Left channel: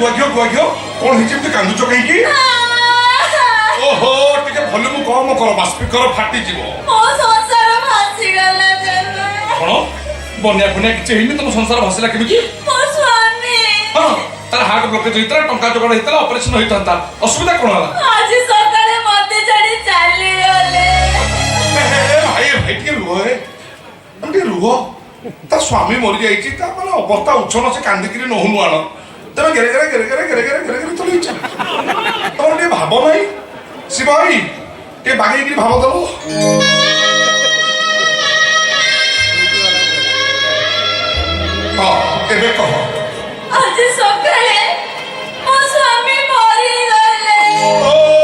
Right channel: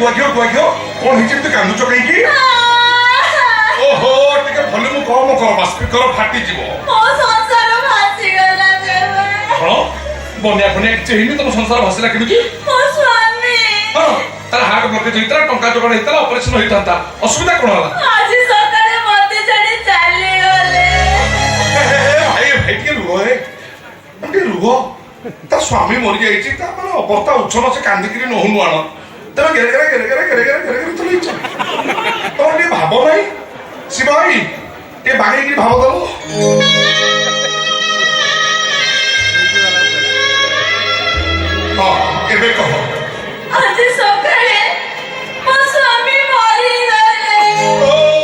गुआ कौन है कांदुच कहीं ओहो टिके वॉल्यूम कम कर स्पीकर फाटी जीवो कौन बन्या बन्या किछि हेनी तुम संसार भासिला केमिति हां तार हार्ट ब्लॉकेज होइतला टंका जोगाड़ होइतला ऑपरेशन होइतंता असुविधा कोन हला आज सकाळे मते छाडी चालली गले भाई भाई के रुहो तार स्वामी मरी जाइछि ता माने अवस्था उछन से कांदिकरी नहुनु आण तमे गेरे चली तोर टे भाब नाही शिवाई टे बागे की भाब दलो हां एबे कह आज सकाळे मो स्वामी मरी गले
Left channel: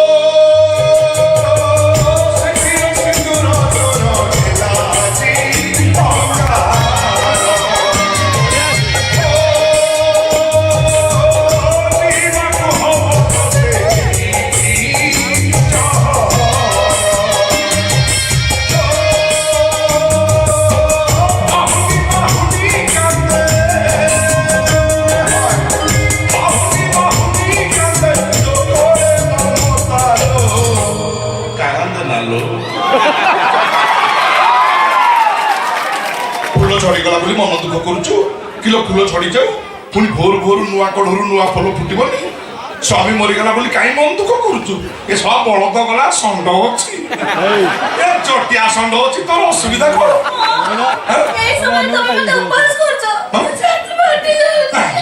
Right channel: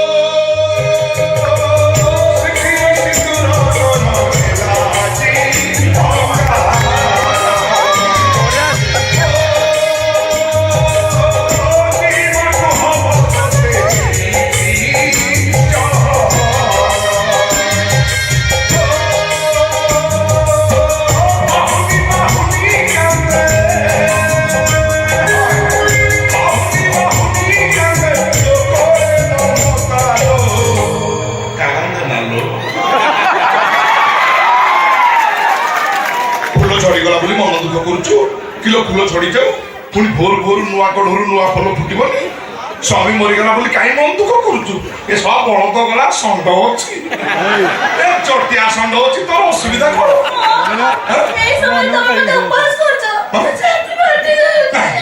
झड़गला बोली मन दुख करुचु किलो फूल छड़ी जाऊ पुणी भोर भोर नुआ कढ़ू नुआ फल फुटबनी स्वामी मरीगला बोली कहीं मन दुख करुचु ए सब बलद गला षंड अच्छी चटिया षंड अच्छी तोर असुविधा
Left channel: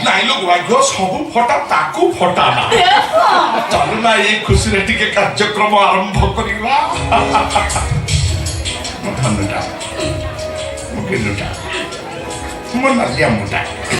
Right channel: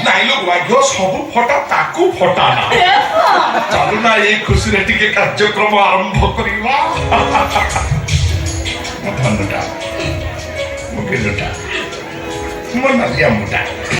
नाई लोक भाग्य सब फटा ताकू फटा ना चलु ना ये खुशी रे टिके कार्यक्रम आरंभ करिवा धनुटा मुकेलुटा मन नालिया मुटा